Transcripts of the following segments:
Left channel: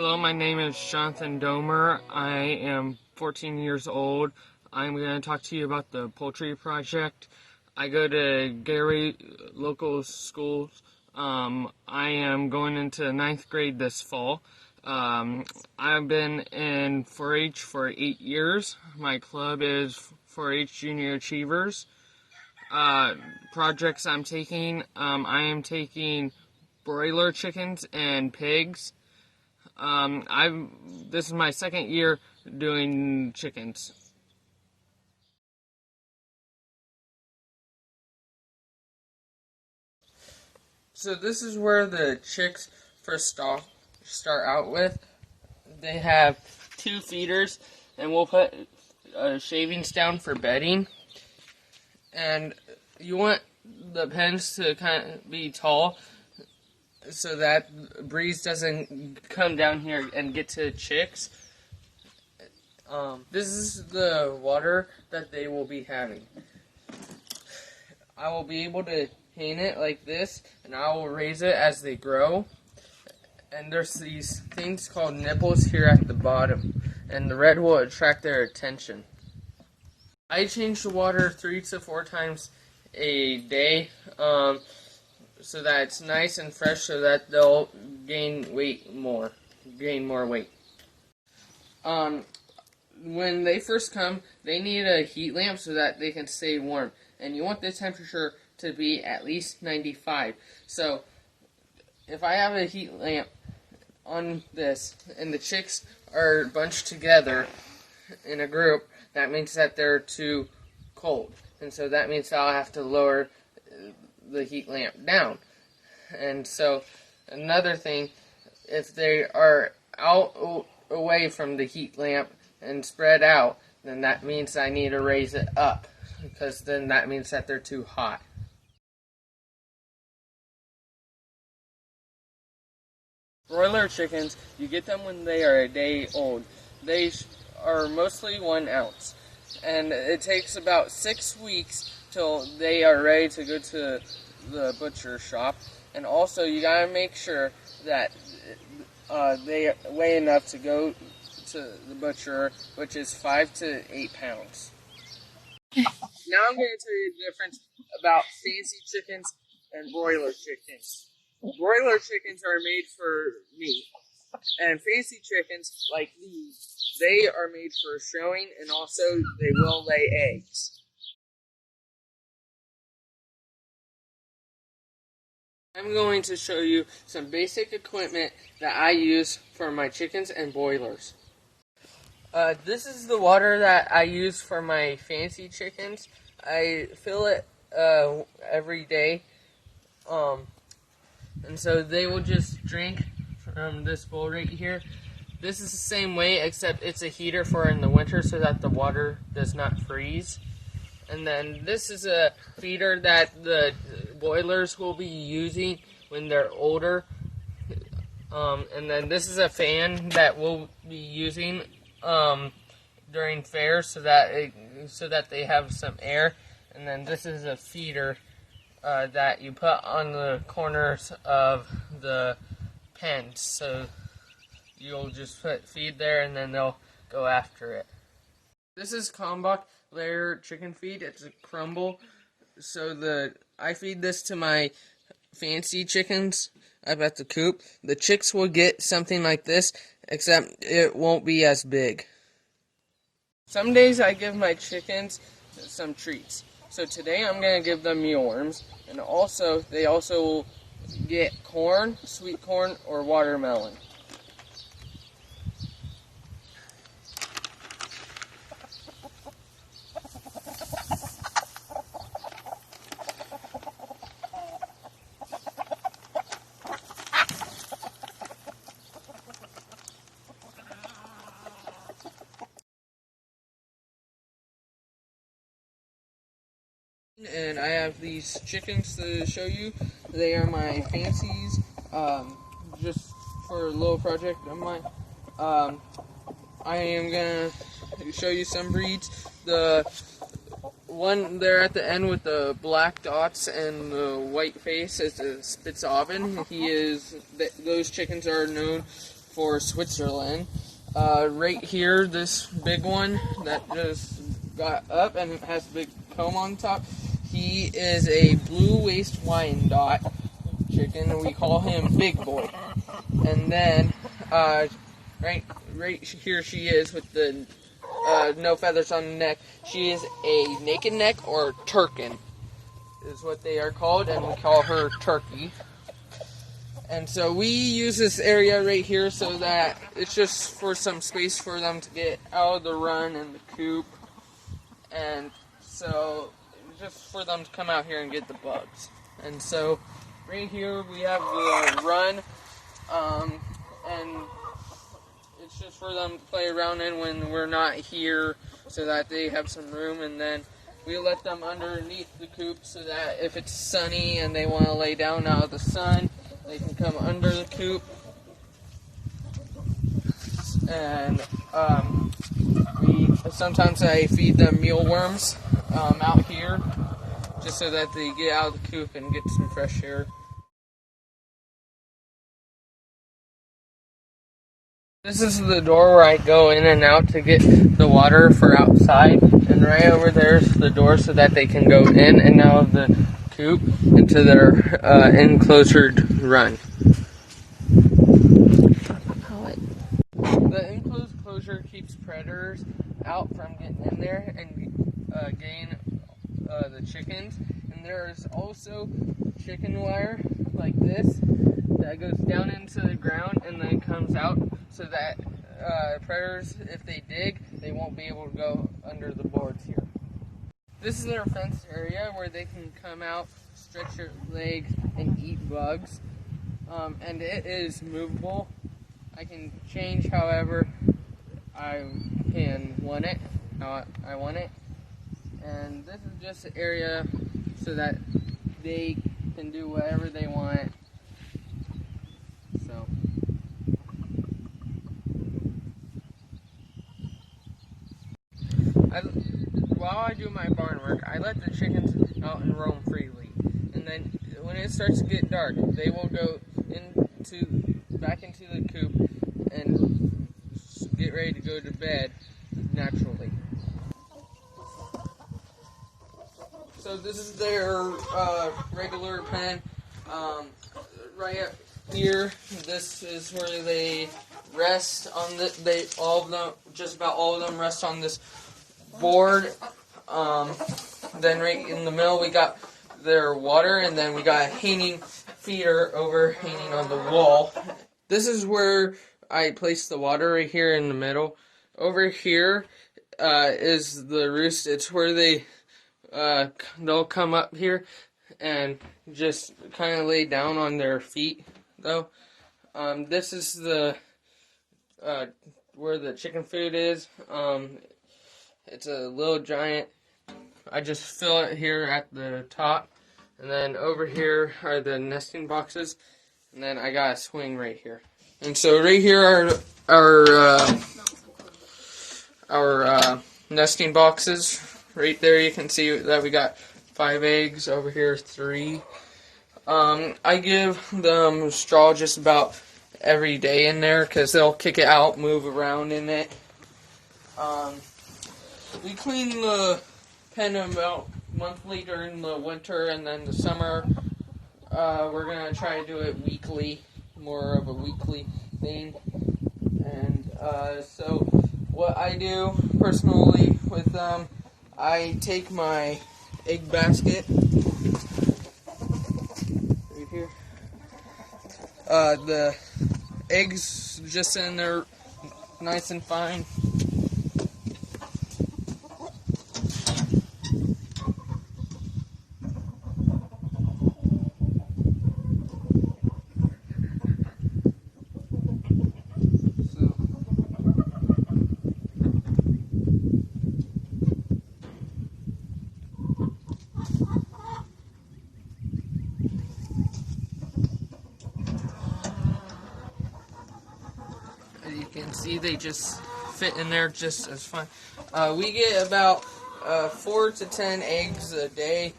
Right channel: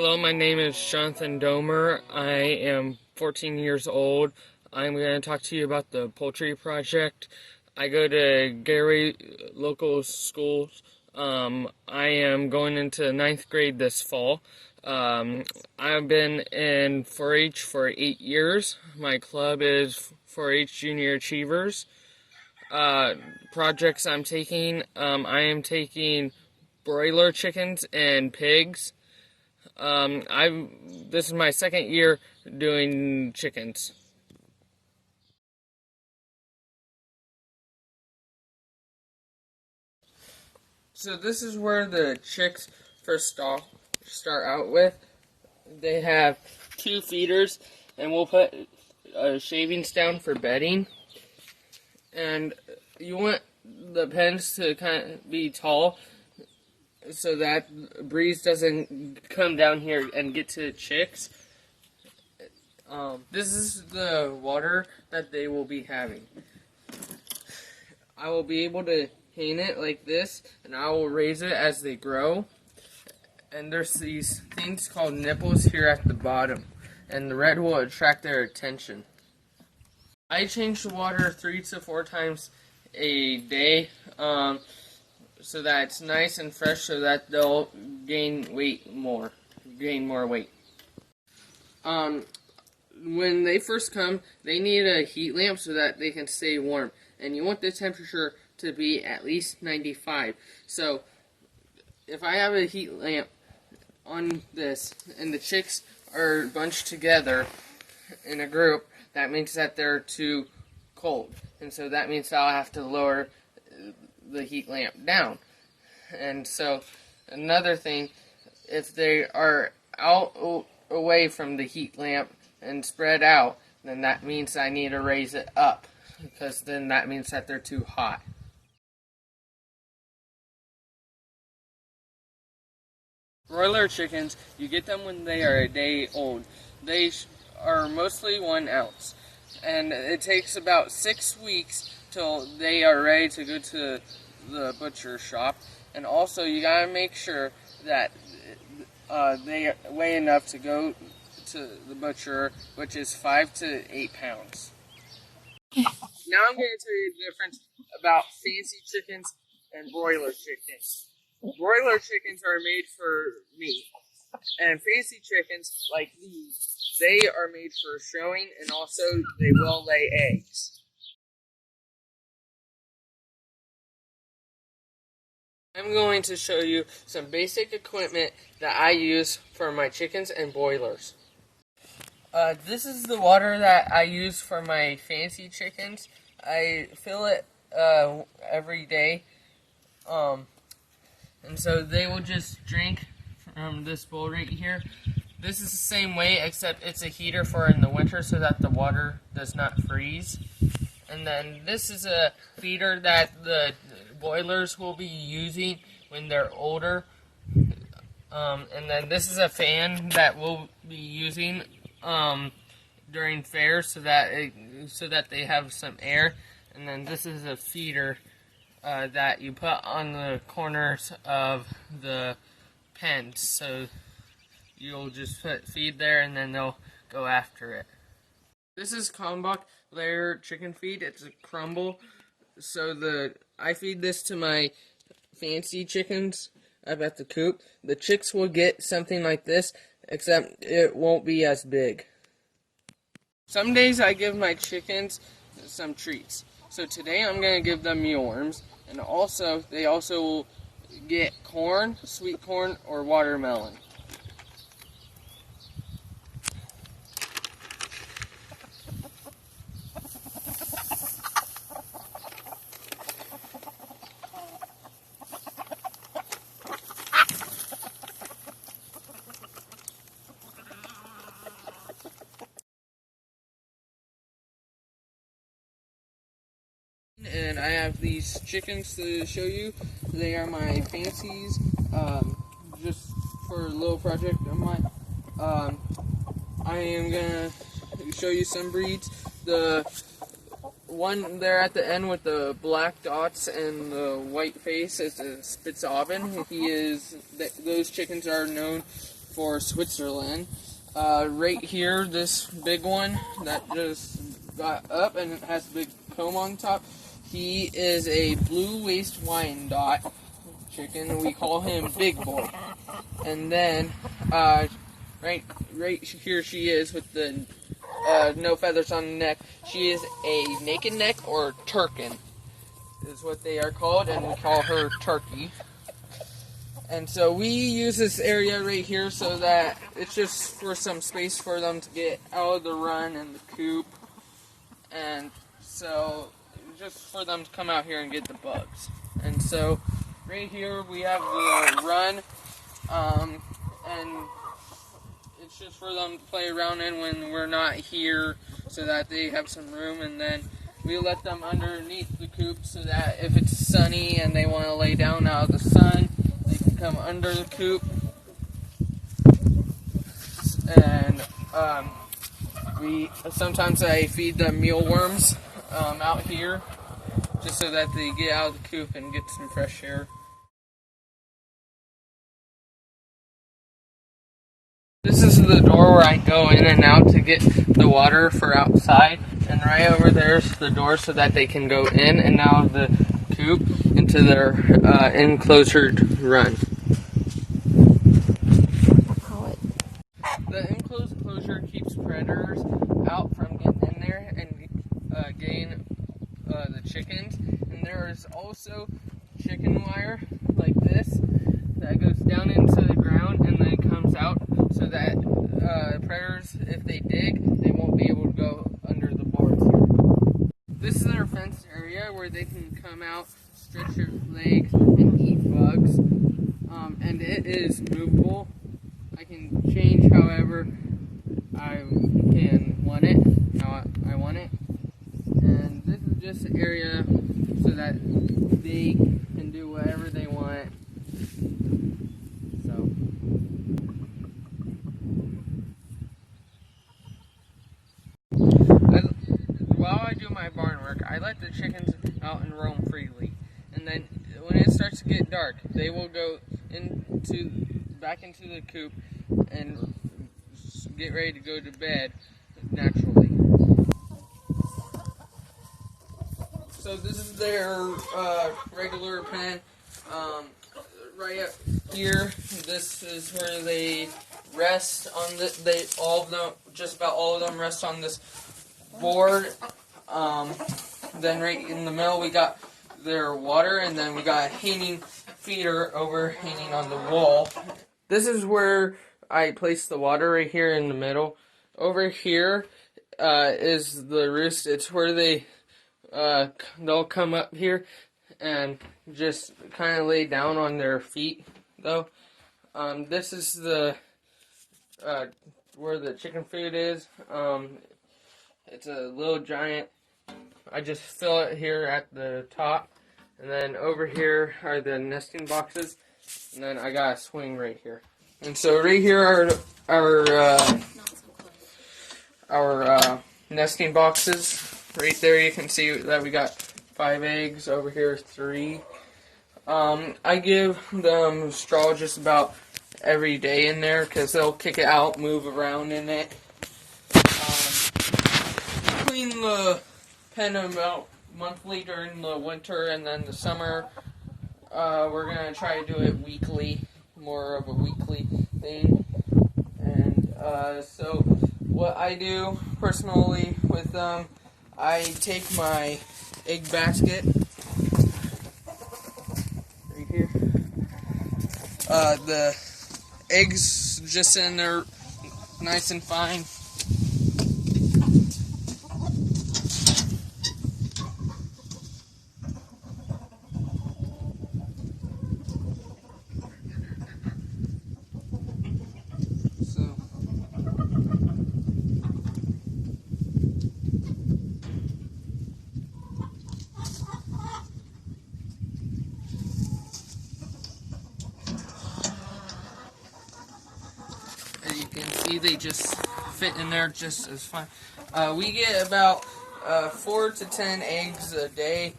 Hello, my name is Jonathon Domer. I am 14 years old. I'm going to talk to you about the poultry project. I go to Gary local schools. I am going into ninth grade this fall. I've been in 4-H for 8 years. My club is 4-H Junior Achievers. Projects I'm taking, I am taking broiler chickens and pigs. This is my second year doing chickens. So this is where the chicks first start out with. They have 2 feeders, and we'll put shavings down for bedding. And you want the pens to kind of be tall, so that breeze doesn't come down here and get to chicks. This is the water that they will be having. I will be able to paint it like this, and I will raise it as they grow. And there's these things called nipples here at the bottom, and the red will attract their attention. I change the water 3 to 4 times a day, so that it's nice and fresh, so that they'll gain more weight. When they first come, they need a heat lamp so that they can stay warm, and you want the temperature to be at least 95. So if I have a heat lamp on this and the chicks are bunched together in a group, that means that they're too cold, and so that means I'll have to lower the heat lamp down. And so another thing, if they are out away from the heat lamp and spread out, then that means I need to raise it up, because then that means that they're too hot. Broiler chickens, you get them when they are a day old. They are mostly 1 ounce, and it takes about 6 weeks till they are ready to go to the butcher shop. And also, you gotta make sure that they weigh enough to go to the butcher, which is 5 to 8 pounds. Now I'm going to tell you the difference about fancy chickens and broiler chickens. Broiler chickens are made for meat, and fancy chickens, like these, they are made for showing, and also they will lay eggs. I'm going to show you some basic equipment that I use for my chickens and broilers. This is the water that I use for my fancy chickens. I fill it every day. And so they will just drink from this bowl right here. This is the same way, except it's a heater for in the winter so that the water does not freeze. And then this is a feeder that the broilers will be using when they're older. And then this is a fan that we'll be using during fairs so that they have some air. And then this is a feeder that you put on the corners of the pens. So you'll just put feed there, and then they'll go after it. This is Kalmbach layer chicken feed. It's a crumble. So I feed this to my fancy chickens up at the coop. The chicks will get something like this, except it won't be as big. Some days I give my chickens some treats. So today I'm going to give them mealworms, and they also will get corn, sweet corn, or watermelon. And I have these chickens to show you. They are my fancies, just for a little project of mine. I am going to show you some breeds. The one there at the end with the black dots and the white face is a Spitzoven. Those chickens are known for Switzerland. Right here, this big one that just got up and it has a big comb on top. He is a blue waist Wyandotte chicken, and we call him Big Boy. And then, right here she is with the no feathers on the neck. She is a naked neck or Turkin, is what they are called, and we call her Turkey. And so we use this area right here so that it's just for some space for them to get out of the run and the coop. And so just for them to come out here and get the bugs. And so right here we have the run, and it's just for them to play around in when we're not here so that they have some room. And then we let them underneath the coop so that if it's sunny and they want to lay down out of the sun, they can come under the coop. And sometimes I feed them mealworms out here just so that they get out of the coop and get some fresh air. This is the door where I go in and out to get the water for outside, and right over there is the door so that they can go in and out of the coop into their enclosed run. The enclosed closure keeps predators out from getting in there and getting the chickens. And there is also chicken wire like this that goes down into the ground and then comes out so that predators, if they dig, they won't be able to go under the boards here. This is their fenced area where they can come out, stretch their legs, and eat bugs. And it is movable. I can change however I can want it, how I want it. And this is just an area so that they can do whatever they want. So while I do my barn work, I let the chickens out and roam freely. And then when it starts to get dark, they will go back into the coop and get ready to go to bed naturally. So this is their regular pen. Right up here, this is where they rest on just about all of them rest on this board. Then right in the middle we got their water, and then we got a hanging feeder overhanging on the wall. This is where I place the water, right here in the middle. Over here is the roost. It's where they'll come up here and just kind of lay down on their feet, though. This is the where the chicken food is. It's a little giant. I just fill it here at the top, and then over here are the nesting boxes, and then I got a swing right here. And so right here are our nesting boxes. Right there you can see that we got 5 eggs. Over here 3. I give them straw just about every day in there because they'll kick it out, move around in it. We clean the pen about monthly during the winter, and then the summer we're going to try to do it weekly, more of a weekly thing. And so what I do personally with them, I take my egg basket right here. The eggs just in there nice and fine. As you can see, they just fit in there just as fine. We get about 4 to 10 eggs a day.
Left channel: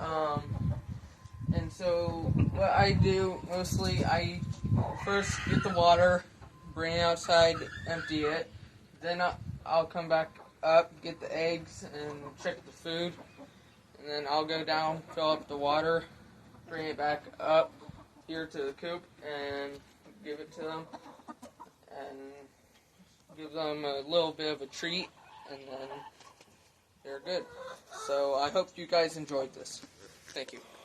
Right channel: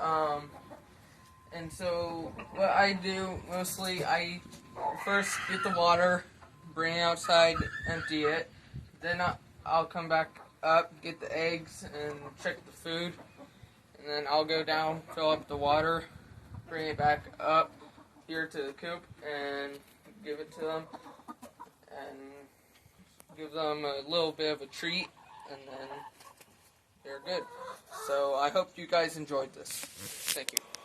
And so what I do mostly, I first get the water bring it outside, empty it. Then I'll come back up, get the eggs, and check the food. And then I'll go down, fill up the water, bring it back up here to the coop, and give it to them. And give them a little bit of a treat, and then they're good. So I hope you guys enjoyed this. Thank you.